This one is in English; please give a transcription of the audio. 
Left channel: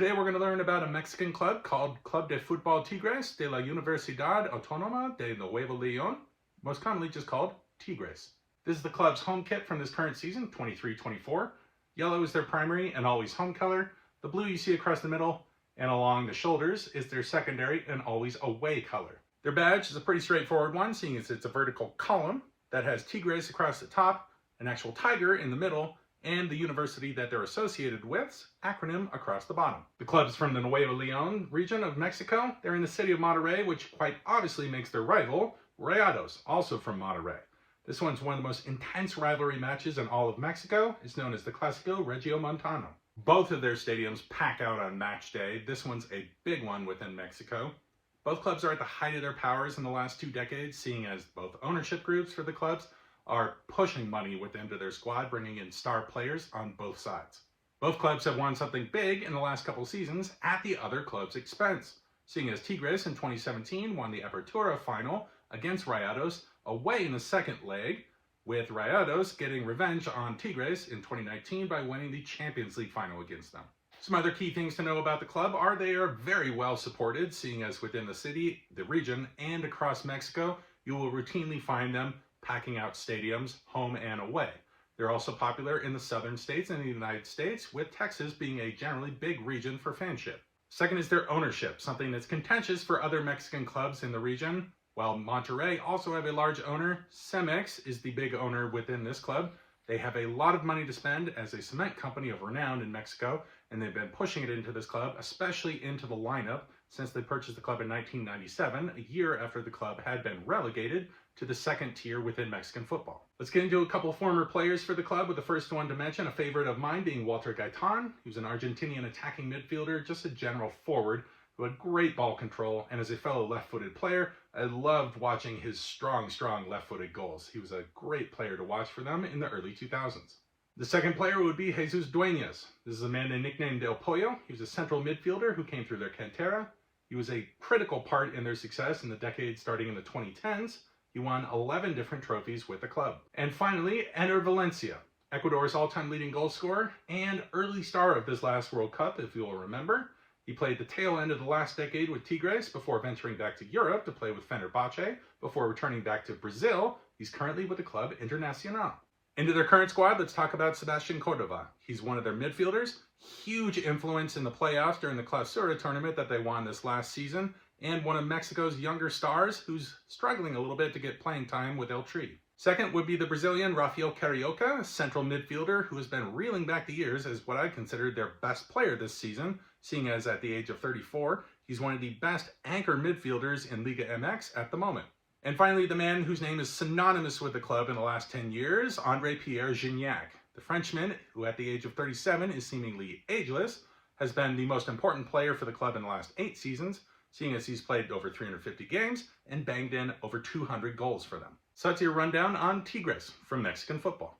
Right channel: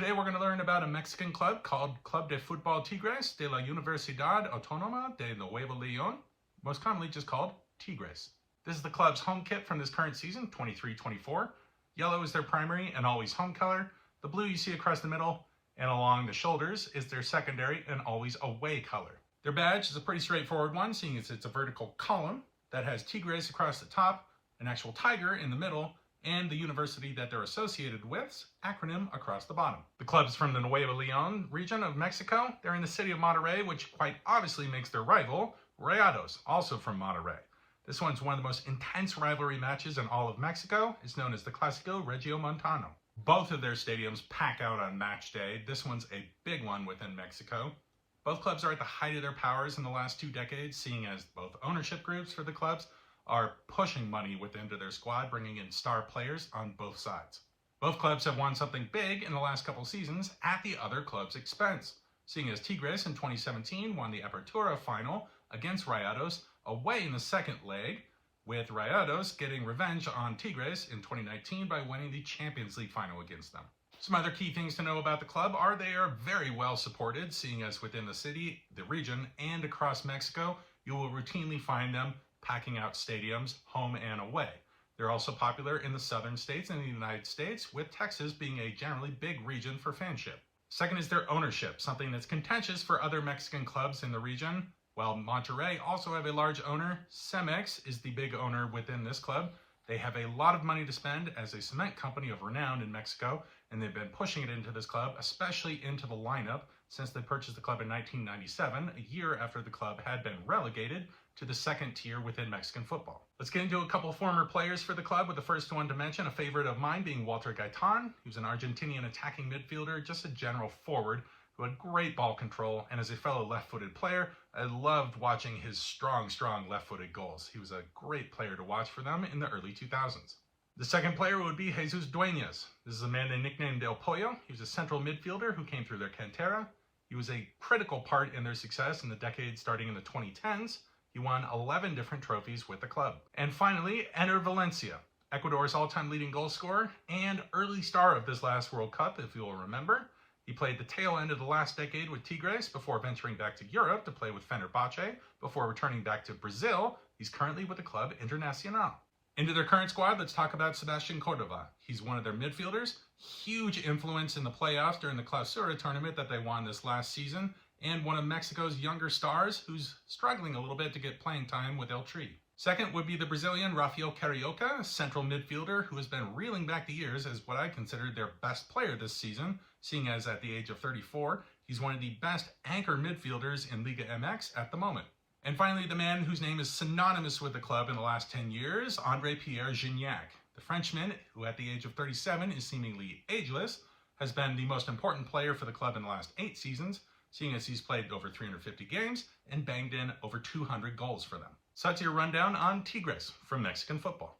Today we're going to learn about a Mexican club called Club de Fútbol Tigres de la Universidad Autónoma de Nuevo León, most commonly just called Tigres. This is the club's home kit from this current season, 23-24. Yellow is their primary and always home color. The blue you see across the middle and along the shoulders is their secondary and always away color. Their badge is a pretty straightforward one, seeing as it's a vertical column that has Tigres across the top, an actual tiger in the middle, and the university that they're associated with's acronym across the bottom. The club's from the Nuevo León region of Mexico. They're in the city of Monterrey, which quite obviously makes their rival Rayados, also from Monterrey. This one's one of the most intense rivalry matches in all of Mexico. It's known as the Clásico Regiomontano. Both of their stadiums pack out on match day. This one's a big one within Mexico. Both clubs are at the height of their powers in the last 2 decades, seeing as both ownership groups for the clubs are pushing money within their squad, bringing in star players on both sides. Both clubs have won something big in the last couple seasons at the other club's expense, seeing as Tigres in 2017 won the Apertura final against Rayados away in the second leg, with Rayados getting revenge on Tigres in 2019 by winning the Champions League final against them. Some other key things to know about the club are they are very well supported, seeing as within the city, the region, and across Mexico, you will routinely find them packing out stadiums, home and away. They're also popular in the southern states and the United States, with Texas being a generally big region for fanship. Second is their ownership, something that's contentious for other Mexican clubs in the region. While Monterrey also have a large owner, Cemex is the big owner within this club. They have a lot of money to spend as a cement company of renown in Mexico, and they've been pushing it into this club, especially into the lineup, since they purchased the club in 1997, a year after the club had been relegated to the second tier within Mexican football. Let's get into a couple former players for the club, with the first one to mention, a favorite of mine, being Walter Gaitan, who's an Argentinian attacking midfielder, just a general forward who had great ball control, and as a fellow left-footed player, I loved watching his strong left-footed goals. He was a great player to watch for them in the early 2000s. The second player would be Jesus Dueñas. This is a man they nicknamed El Pollo. He was a central midfielder who came through their cantera. He was a critical part in their success in the decade starting in the 2010s. He won 11 different trophies with the club. And finally, Ener Valencia, Ecuador's all-time leading goal scorer and early star of this last World Cup, if you will remember. He played the tail end of the last decade with Tigres before venturing back to Europe to play with Fenerbahce before returning back to Brazil. He's currently with the club Internacional. Into their current squad, let's talk about Sebastian Cordova. He's one of their midfielders, huge influence in the playoffs during the Clausura tournament that they won this last season, and one of Mexico's younger stars who's struggling a little bit to get playing time with El Tri. Second would be the Brazilian Rafael Carioca, a central midfielder who has been reeling back the years as what I consider their best player this season, seeing as at the age of 34, he's one of the best anchor midfielders in Liga MX at the moment. And finally, the man whose name is synonymous with the club in the last 10 years, André-Pierre Gignac. The Frenchman, who at the age of 37 is seemingly ageless, has been the most important player for the club in the last 8 seasons, seeing as he's played over 350 games and banged in over 200 goals for them. So that's your rundown on Tigres from Mexican football.